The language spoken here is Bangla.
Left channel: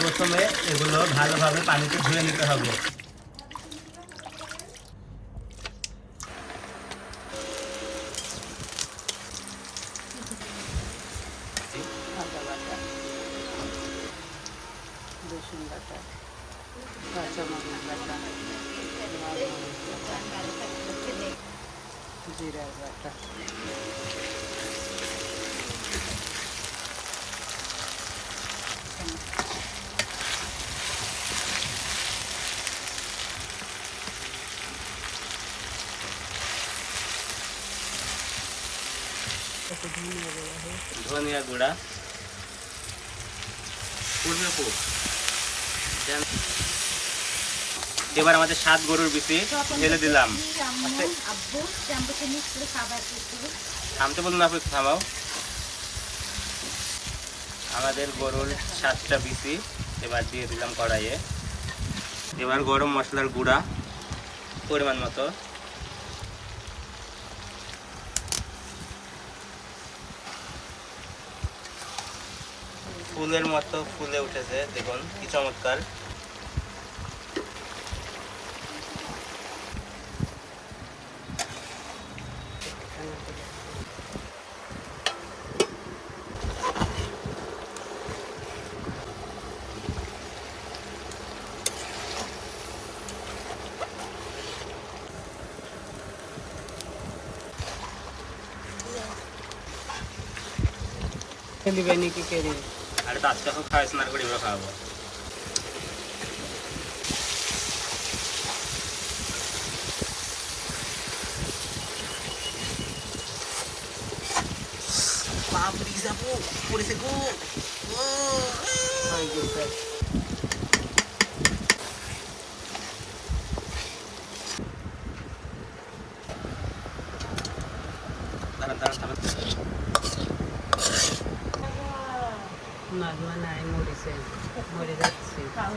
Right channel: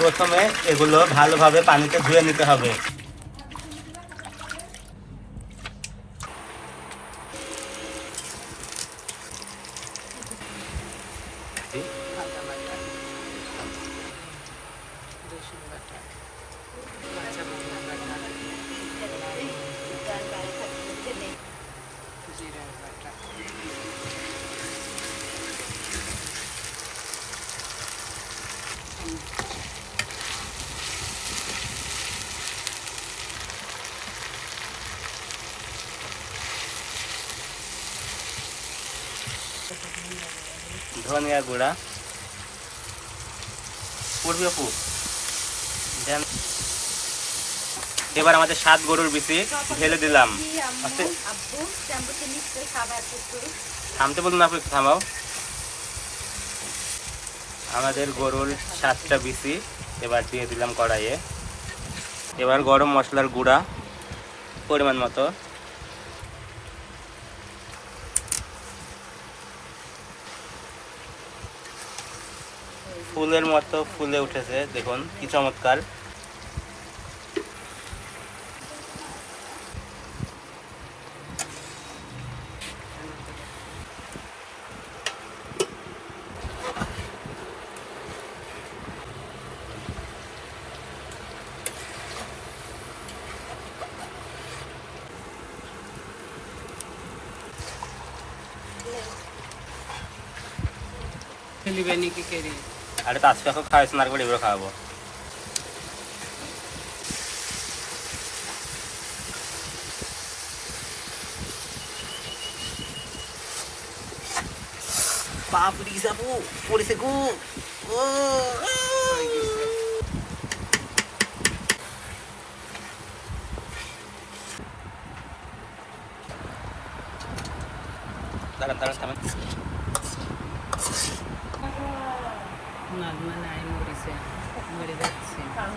প্রথমে এগুলো ভালোভাবে পানিতে ধুয়ে নিতে হবে। ধনিয়া গুঁড়া পূর্বে দেন। এবার আমাদের সাত গরুর বিচি ঢেলে দিলাম। থামতে বলুন আপু, একটু থামাও। আমাদের গরুর সাতটা বিচি এবার দিয়ে দিলাম কড়াইয়ে। এবার গরম মশলার গুঁড়া পরিমাণ মতো। ফুলের মতো ফুলে উঠেছে দেখুন কি চমৎকার। কি করি আরে তো আজকে এখন খাওয়াইছে করে এবার খাওয়াবো বাপরি যাব। পড়েছে গো। ও। দাঁড়ান দাঁড়ান থামেন। നഗ്നനായ മുരിശേൻ മുരുകൻ ശേഖർ